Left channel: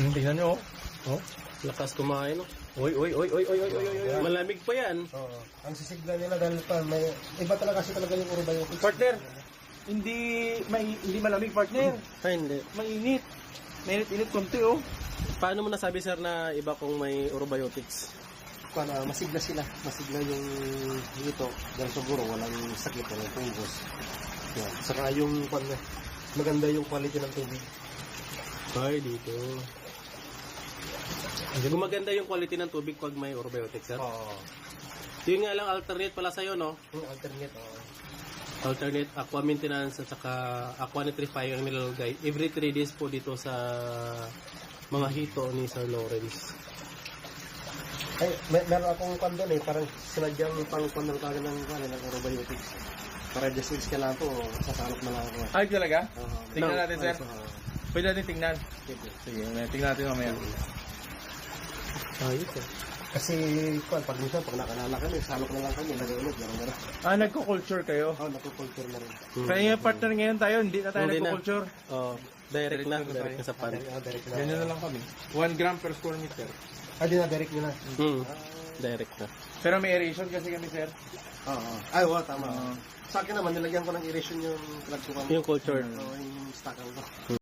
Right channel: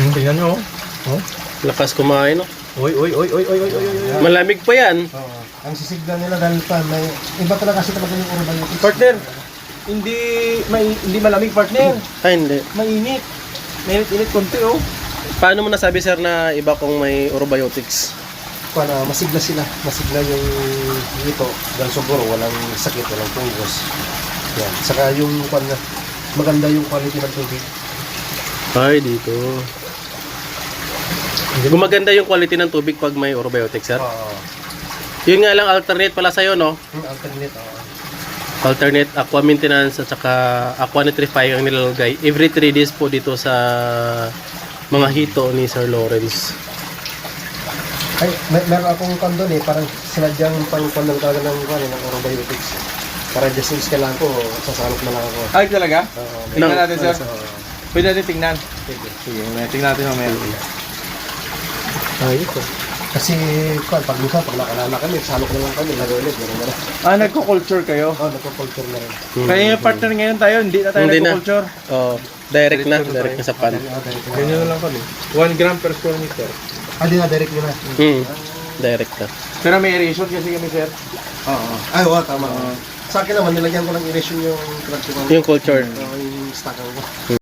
Tingnan nyo. Oh. Lakas kumain, no? Uy. Malamig pa yan. Oo. Ang sisigla nila dahil pa may iba talaga kasi talaga yung probiotics. Partner, hindi malamig partner. Ay, hindi. Mainit. Mainit konti oh. Paano mo nasabi, sir, na iba kung may orobiotics? Para masigla sila. Masigla yung ito. Dahil siguro walang sakit, walang fungus. Yan. Saka yung maganda yung quality ng tubig. Ay, dito. Gumaganda yung quality ng tubig pag may orobiotics, sir. Oo. Yun nga lang, alternate pala sa'yo, no? Yung alternate, oo. Alternate aqua maintenance at saka aqua nitrifying ang nilalagay. Every 3 days po dito sa mga hito ni Sir Lawrence. Ay, meron akong kondon eh. Parang sinadyang pang-kondon talaga ng orobiotics. Para just in kailangan ko, sasalot na lang ako. Ay talaga? Oo. Tingnan natin sir. Oo. Pwede natin tingnan. Pwede. Sige, tingnan natin mamaya. Ay, ito. Kasi pag nakalala kami, salok na lang kami, laro ulit, gano'n. Ah, nagko-culture kayo? Oh, nagpo-culture na rin. Kaya yung partner ngayon tayo, hindi na tayo Hindi na. nagko-culture. Oh, direct na sa pan. Ganyan na lang kami. 1 gram per square meter. Di na, direct nyo na. Direct na. Pero may aeration kasi kami sir. Oo. Ay, oo, tama. Sa akin naman, nilagyan ko ng irrigation yung pinagtukan. Yung culture. Yung stockan ko.